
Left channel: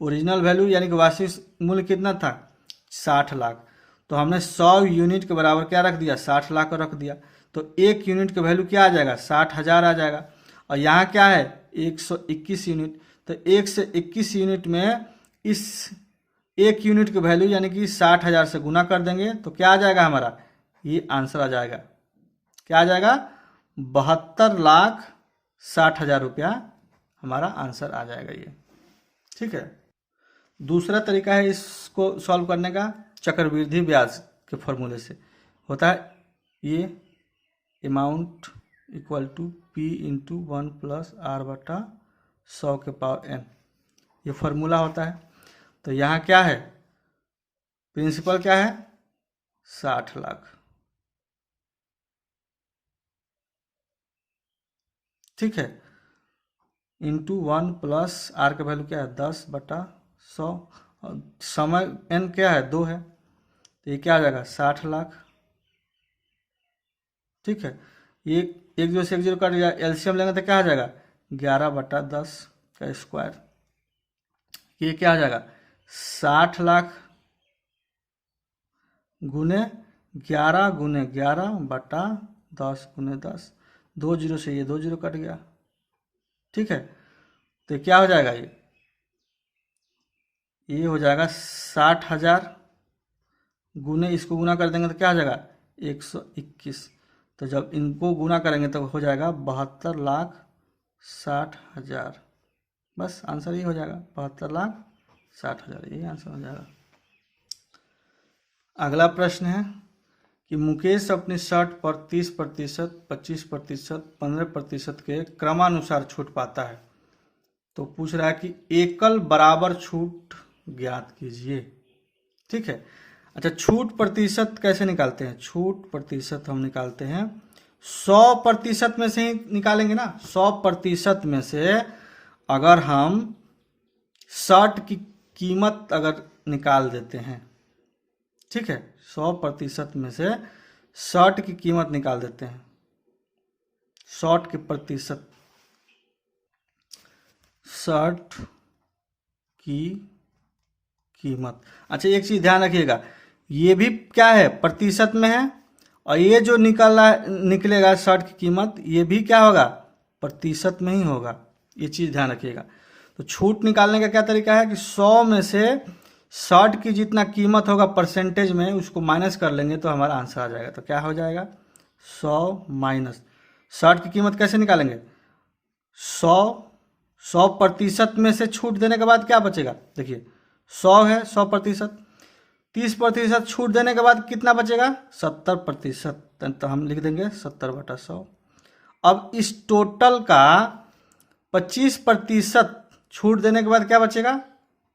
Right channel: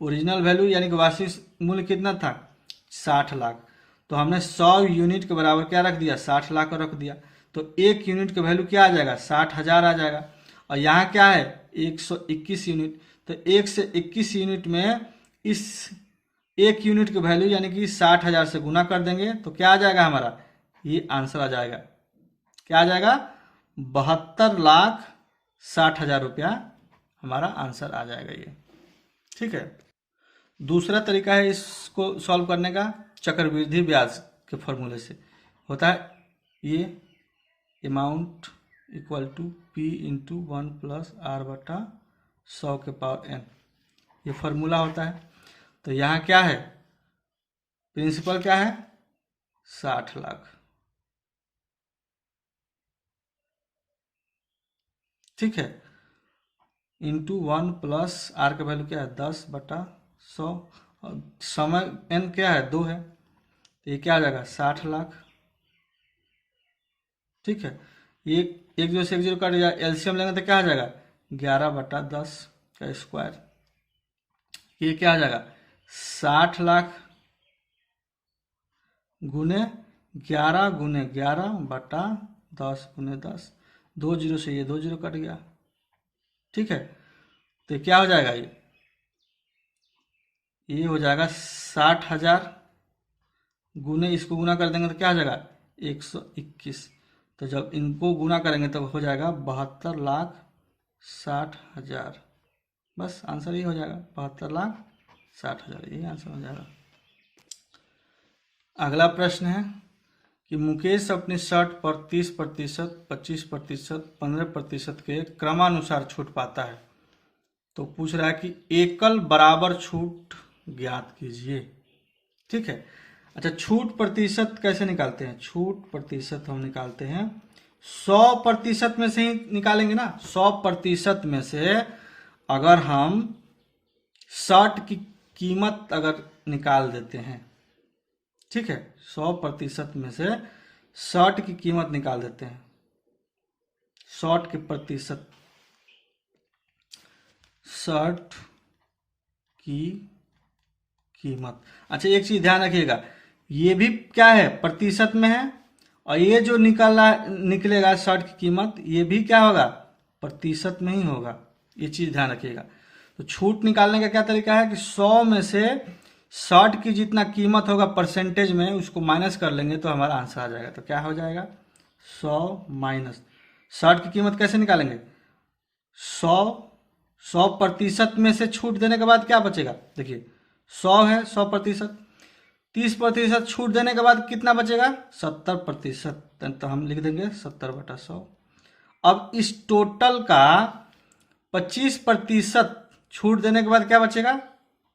ओरिजिनल वैल्यू यानी कि वास्तविक मूल्य कितना था? 60 लाख। तो हमने 100 यूनिट के बराबर क्या रख दिया? 60 लाख को रख दिया। तो एक यूनिट का वैल्यू क्या आ जाएगा? 60,000 आ जाएगा। और यहाँ क्या है? 121 यूनिट। तो 121 यूनिट में इस एक यूनिट की वैल्यू यानी कि 60,000 से गुना कर देंगे, तो क्या आ जाएगा हमारा? ये आंसर आ जाएगा। क्या आ जाएगा? 72,60,000 रुपया हमारा आंसर आ जाएगा ये। ठीक है, दूसरा तरीका है इसको सॉल्व करने का, चक्रवृद्धि ब्याज के फॉर्मूले से। होता है ये amount equal to P into 1 plus R/100 के पावर n, ये फॉर्मूला होता है। तो यहाँ क्या है? प्रिंसिपल क्या है? 60 लाख। ठीक है, इंटू 1 प्लस R का वैल्यू क्या है? 10/100, और समय n क्या है? 2 है, तो ये क्या आ जाएगा? 60 लाख। ठीक है, ये एक 0 से 1 0 काट दिया, एलसीएम लेंगे तो क्या आ जाएगा? 11/10 का स्क्वायर। ये क्या आ जाएगा? 60 लाख गुने 11 गुने 11/10 गुने 10। 2 0 से ये 2 0 कट गया। ठीक है, तो क्या हो जाएगा? ये हो जाएगा 60,000 गुने, इसको गुना कर देंगे तो क्या हो जाएगा? 121। तो जब इनको गुना करेंगे तो हो जाएगा 72,60,000। बस आंसर ये हो जाएगा 72,60,000, यही आंसर हो जाएगा। अगला प्रश्न है कि मुकेश अपनी शर्ट पर 30%, 25%, 15% के क्रमानुसार छूट पाता है। तो पूछ रहा है कि एकल बराबर छूट ज्ञात कीजिए। ठीक है। अच्छा, छूट प्रतिशत कैसे निकालते हैं? छूट प्रतिशत हम निकालते हैं 100% में से ही निकालेंगे ना। 100% में से अगर हम शर्ट की कीमत अगर निकाल देते हैं, ठीक है, 100% में से शर्ट की कीमत निकाल देते हैं, शर्ट की प्रतिशत, शर्ट की कीमत। अच्छा, एक चीज ध्यान रखिएगा, ये भी क्या है, प्रतिशत में है, और ये जो निकलेगा शर्ट की कीमत, ये भी क्या होगा, प्रतिशत में ही होगा। ये चीज ध्यान रखिएगा। तो छूट निकालने का क्या तरीका है कि 100 में से शर्ट की जितना कीमत होगा परसेंटेज में, उसको माइनस कर लेंगे तो हमारा आंसर आ जाएगा। तो क्या हो जाएगा, 100 माइनस शर्ट की कीमत कैसे निकालेंगे, 100% में से छूट देने के बाद क्या बचेगा, देखिए 100 है, 100%, 30% छूट देने के बाद कितना बचेगा, 70%। तो हम लिख देंगे 70/100। अब इस टोटल का 25% छूट देने के बाद क्या बचेगा,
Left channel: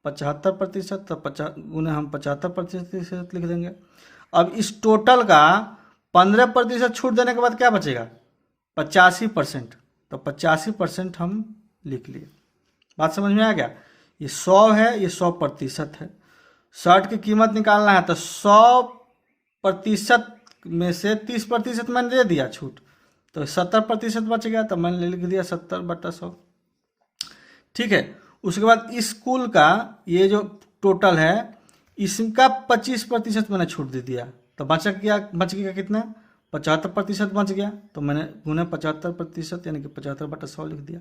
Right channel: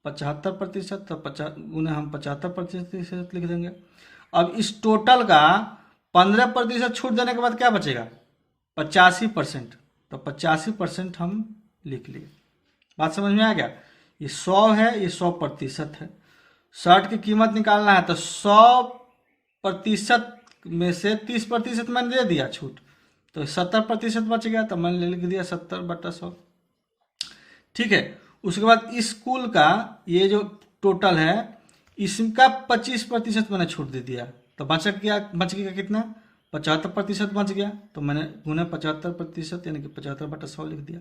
75%। तो 50 गुने हम 75% लिख देंगे। अब इस टोटल का 15% छूट देने के बाद क्या बचेगा, 85%। तो 85% हम लिख लिए। बात समझ में आ गया। ये 100 है, ये 100% है। शर्ट की कीमत निकालना है तो 100% में से 30% मैंने दे दिया छूट, तो 70% बच गया, तो मैंने लिख दिया 70/100। ठीक है। उसके बाद इस कुल का ये जो टोटल है, इसका 25% मैंने छूट दे दिया, तो बच गया कितना, 75% बच गया। तो मैंने गुने 75% यानी कि 75/100 लिख दिया।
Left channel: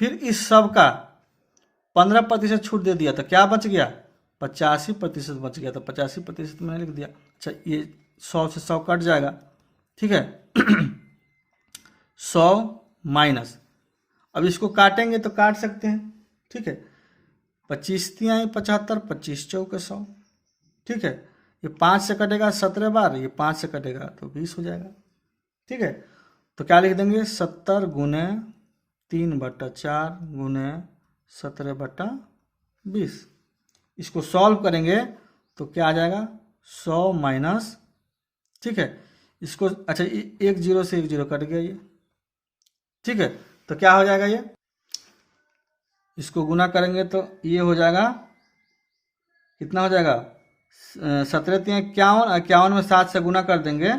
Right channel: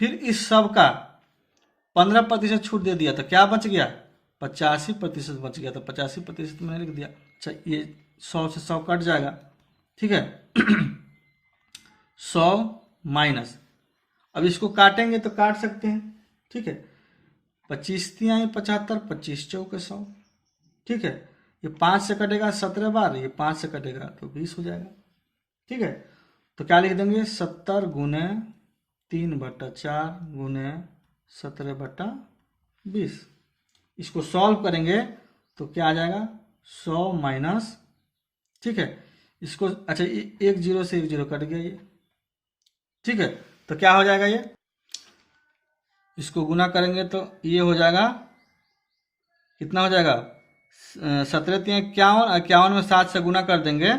फिर इस सब का 15% छूट दे दिया, तो क्या बच गया, 85% बच गया। तो 85% मैंने लिख दिया। अच्छा, ये 100 से 100 कट जाएगा। ठीक है। 100 माइनस, अब इसको काटेंगे तो काट सकते हैं। ठीक है। 25 तिहाई 75, 25 चौके 100। ठीक है। ये 5 से कटेगा 17 बार, ये 5 से कटेगा तो 20 हो जाएगा। ठीक है। तो क्या लिख देंगे, 70 गुने 3/4 गुने 17/20। इसको सॉल्व करेंगे तो क्या आ जाएगा, 100 माइनस, ठीक है, इसको, अच्छा, एक जीरो से एक जीरो कट गया ये। ठीक है। तो क्या हो जाएगा, ये इसको गुना करेंगे तो ये हो जाएगा, कितना हो जाएगा, 17 × 51, 51 में 7 से गुना कर देंगे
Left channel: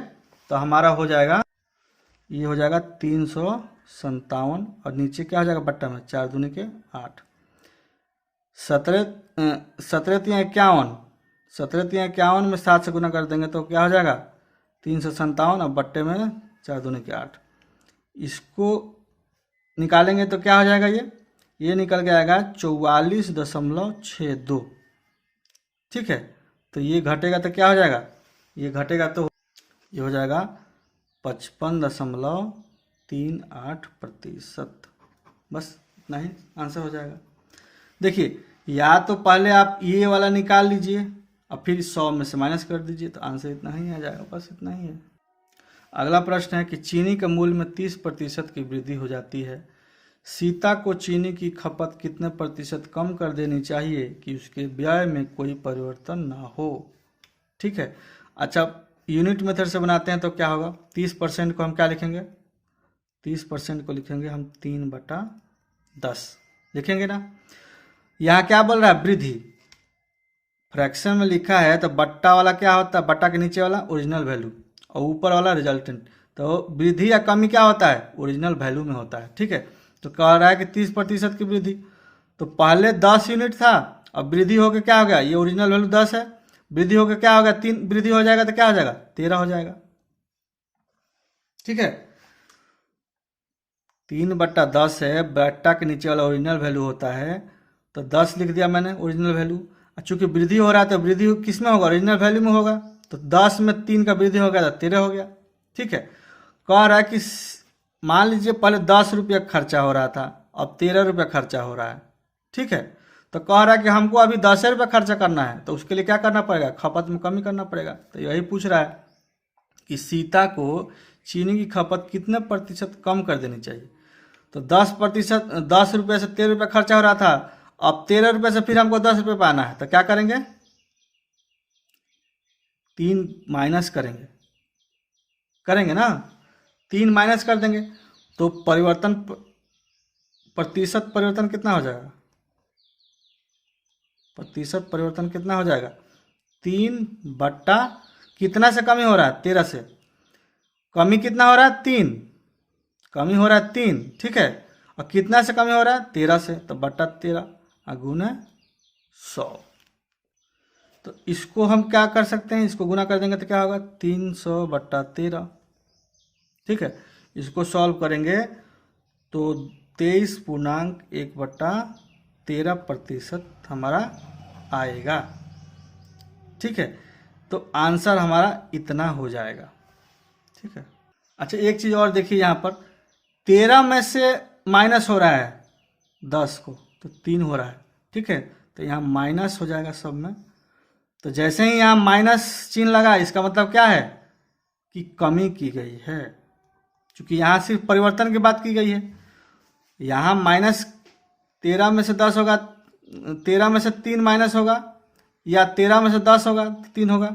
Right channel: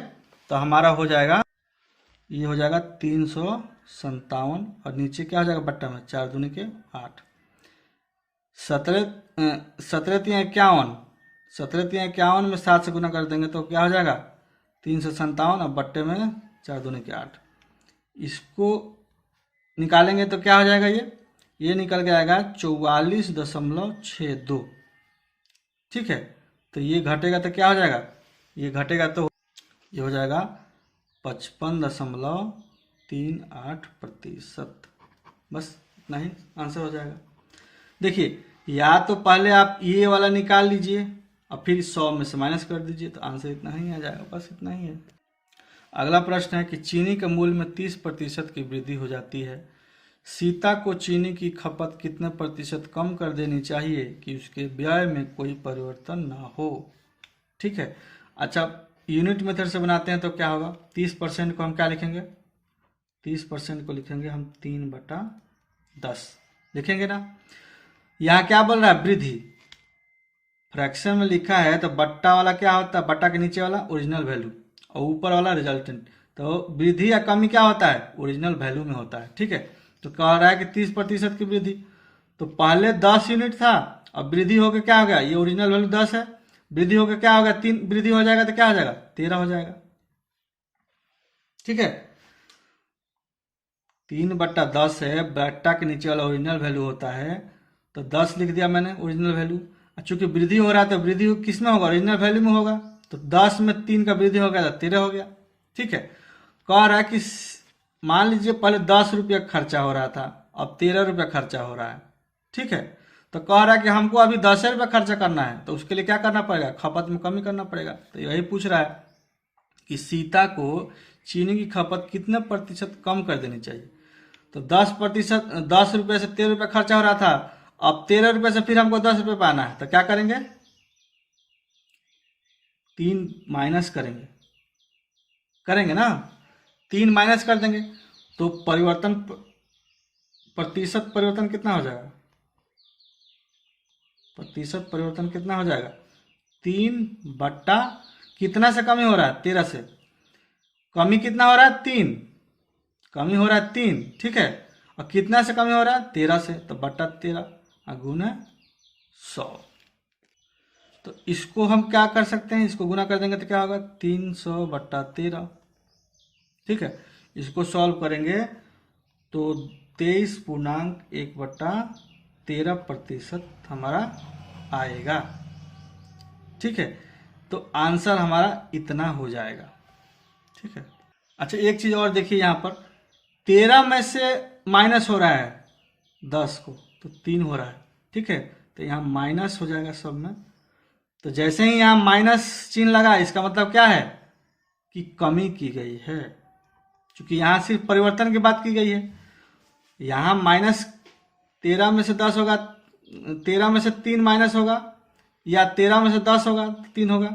तो हमारा हो जाएगा, ये हो जाएगा 357। और नीचे क्या हो जाएगा, बट्टा में 4 दूनी के 8। 17 × 51, 17 × 51 में 7 से गुना कर देंगे तो क्या हो जाएगा, 357, और बट्टे में 4 दूनी के 8। इसको निकालेंगे तो क्या हो जाएगा, ये निकल के आएगा 44.62। ठीक है। तो ये घटेगा तो क्या हो जाएगा, ये घटेगा तो ये हो जाएगा 55.38%। बस इतना ही आंसर हो जाएगा। देखिए, या तो पहले आप ये वाला निकाल लीजिए और फिर 100 में से माइनस कर दीजिए, तो आंसर इतना ही आ जाएगा। बस इतना ही है। अगला प्रश्न है कि चीनी के मूल्य में 30% की वृद्धि हो जाती है। सीता को चीनी की खपत कितने प्रतिशत कम कर देनी चाहिए कि उसके व्यय में कोई परिवर्तन ना हो। ठीक है। अच्छा, यूनिट मेथड से बनाते हैं तो क्या होगा, 30% को हम क्या लिखेंगे, 30% को लिखेंगे हम 3/10 लिखेंगे ना। यहाँ क्या बोल रहा है, वृद्धि, फ्रैक्शन में लिखा है तो बट्टा वाला क्या होता है, बट्टा के नीचे वाला ओरिजिनल वैल्यू और ऊपर वाला रिजल्टेंट। तो वृद्धि या कमी क्या होता है, ओरिजिनल वैल्यू में होता है। ठीक है। तो कह रहा है कि 30% की वृद्धि, तो पहले 10 यूनिट था, अब वृद्धि होकर क्या हो गया, ये ओरिजिनल वैल्यू 10 है, वृद्धि होकर क्या हो गया, 3 वृद्धि हो जाएगा तो क्या हो जाएगा, 13 हो जाएगा। ठीक है। 3/10 है, बट्टा के नीचे वाला ओरिजिनल वैल्यू होता है, तो 10 लिख दिया मैंने ओरिजिनल वैल्यू। चूंकि वृद्धि हो रहा है तो वृद्धि किस में होगा, ओरिजिनल वैल्यू में होगा, तो 10 में 3 का वृद्धि हो गया तो 13 हो गया। ठीक है। कह रहा है कि मान लीजिए पहले 10 रुपया खर्चा हो रहा था, अब 13 रुपया खर्चा हो रहा है। ठीक है। तो कह रहा है कि हमको अभी 10 रुपया खर्चा करना है, तो उसके लिए क्या करना पड़ेगा, खपत में कमी करना पड़ेगा। तो यही पूछ रहा है कि सीता को चीनी की खपत कितने प्रतिशत कम कर देनी चाहिए। तो 10 रुपये से 13 रुपया खर्चा हो रहा था, अब 13 रुपये से फिर हमको 10 रुपये पाना है, तो क्या करेंगे, 3 माइनस करेंगे ना, 3 माइनस कर देंगे, तो प्रतिशत परिवर्तन कितना हो जाएगा, प्रतिशत परिवर्तन कितना हो जाएगा, 3 बट्टा कितना से कमी हो रहा है, 13 से कमी कितना हो रहा है, 3, कमी हो रहा है 3, ठीक है, और कितना से कमी हो रहा है, 13 से, तो बट्टा 13 गुना 100। तो इसको हम क्या कर सकते हैं, इसको गुना कर देंगे तो क्या होगा, 300 बट्टा 13, ठीक है। इसको सॉल्व करेंगे तो 23.1/13% हमारा आएगा, ठीक है। तो आंसर हमारा इतना हो जाएगा, ठीक है। अच्छा एक चीज़ और देखिए, यहाँ पर 13 में से माइनस हो रहा है 10 को, तो 3 हो रहा है, ठीक है। तो यहाँ माइनस हो जाएगा सब में, तो जैसे ही यहाँ माइनस चिन्ह लगा, इसका मतलब क्या है कि कमी की गई है, क्योंकि यहाँ सिर्फ परिवर्तन की बात की गई है। यहाँ -13 में से 10 होगा, 13 में से 3 माइनस होगा, या 13 में से 10 होगा तो 3 होगा।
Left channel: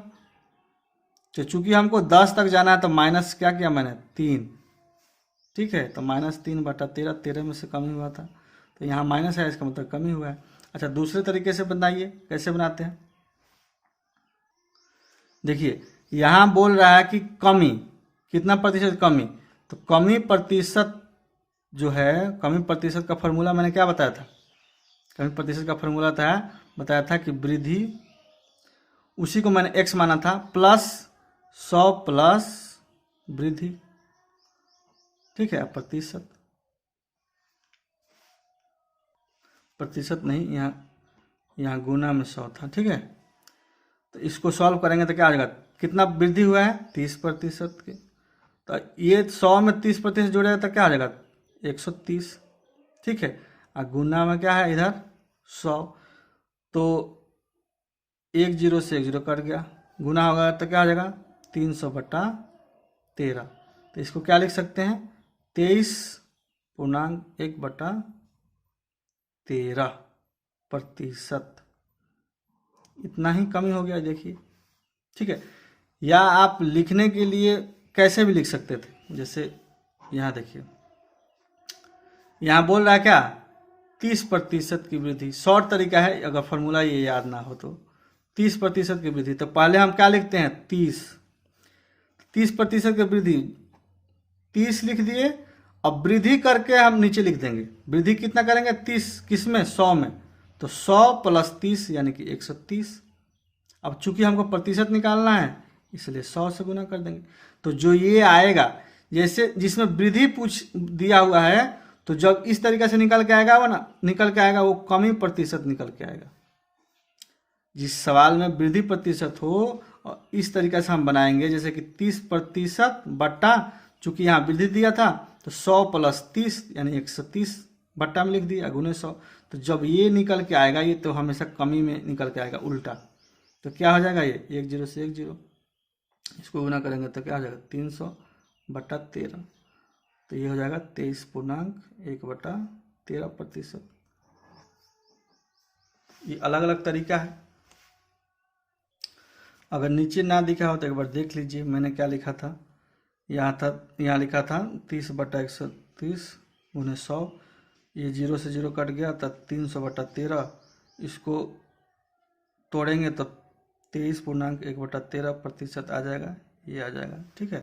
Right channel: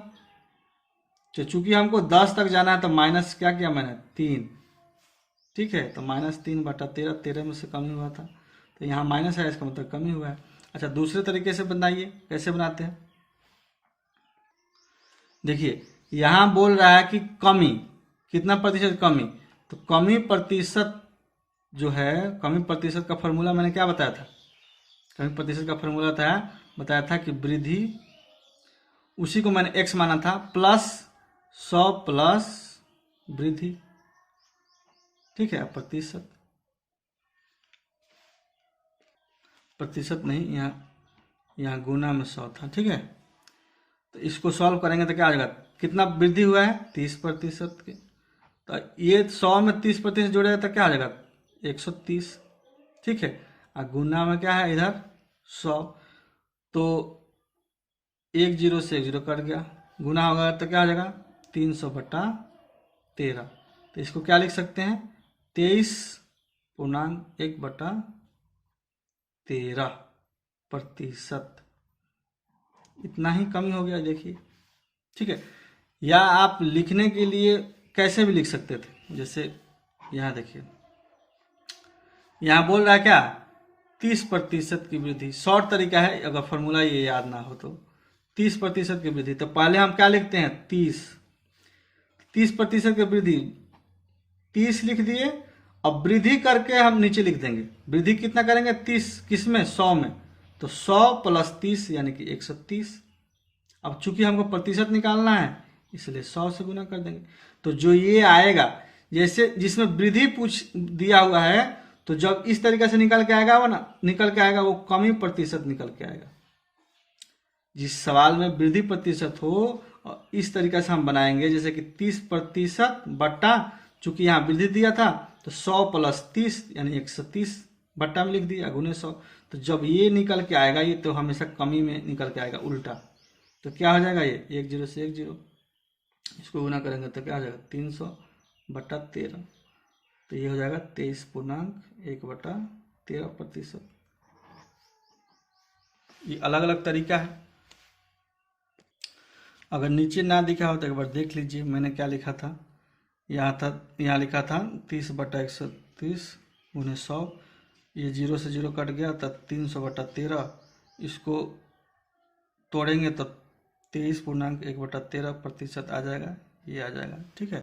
तो चूंकि हमको 10 तक जाना है तो माइनस क्या किया मैंने, 3, ठीक है। तो -3/13, 13 में से कमी हुआ था, तो यहाँ माइनस है, इसका मतलब कमी हुआ है। अच्छा दूसरे तरीके से बनाइए, कैसे बनाते हैं, देखिए यहाँ बोल रहा है कि कमी कितना प्रतिशत, कमी, तो कमी प्रतिशत जो है, कमी प्रतिशत का फॉर्मूला मैंने क्या बताया था, कमी प्रतिशत का फॉर्मूला बताया था कि वृद्धि, उसी को मैंने x माना था, प्लस 100 प्लस वृद्धि, ठीक है। प्रतिशत नहीं, यहाँ गुना में 100 था, ठीक है। तो इसको सॉल्व करेंगे तो क्या आ जाएगा, कितना वृद्धि हुआ है, 30% की, तो ये 100 में 30% जोड़ेगा तो क्या आ जाएगा, 130, ठीक है। और गुना में क्या है इधर 100, तो 1 0 से 1 0 कट गया, गुना होगा तो क्या हो जाएगा 300/13। तो इसको क्या लिख सकते हैं, 23.1/13%, इतना ही कमी हो गया, देखिए, ठीक है। या आप लिखने के लिए कैसे भी लिख सकते थे, जैसे यहाँ देखिए, यहाँ बोल रहा है क्या, 30% की वृद्धि, शॉर्ट तरीका है, अगर फॉर्मूला ये याद ना हो तो 30% की वृद्धि, तो पहले हम क्या लिखते हैं, 30% की वृद्धि, 30 लिख दिए, अब वृद्धि करके हम नीचे लिख देंगे, वृद्धि कितना करेंगे, 30 किसमें, 100 में, तो 100 प्लस 30 यानी कि 130। अब चूंकि हमको प्रतिशत निकालना है इसलिए 100 से गुना कर देंगे, तो जो ये आएगा, जैसे जिसमें वृद्धि पूछ दिया हुआ है, तो जब इस तरीके से निकल के आएगा वो कमी प्रतिशत निकल के आएगा। जिस सवाल में वृद्धि प्रतिशत हो, और इस तरीके से हम बनाएंगे, जैसे कि 30% बट्टा, चूंकि यहाँ वृद्धि दिया था तो 100 प्लस 30 यानी 130 बट्टा में लिख दिया, गुने 100। तो जब ये निकल के आएगा, ये तो हमेशा कमी में निकल के आएगा उल्टा, तो क्या हो जाएगा, ये 1 0 से 1 0, इसको गुना करेंगे तो क्या हो जाएगा 300/13, तो ये हो जाएगा 23.1/13%। ये अलग अलग तरीका है, अगर नीचे ना दिखा हो तो एक बार देख लीजिए, मैंने क्या लिखा था, यहाँ लिखा था 30/130 गुने 100, ये 0 से 0 कट गया, तब 300/13, इसको तोड़ेंगे तो 23.1/13% आ जाएगा, ये आ जाएगा, ठीक है।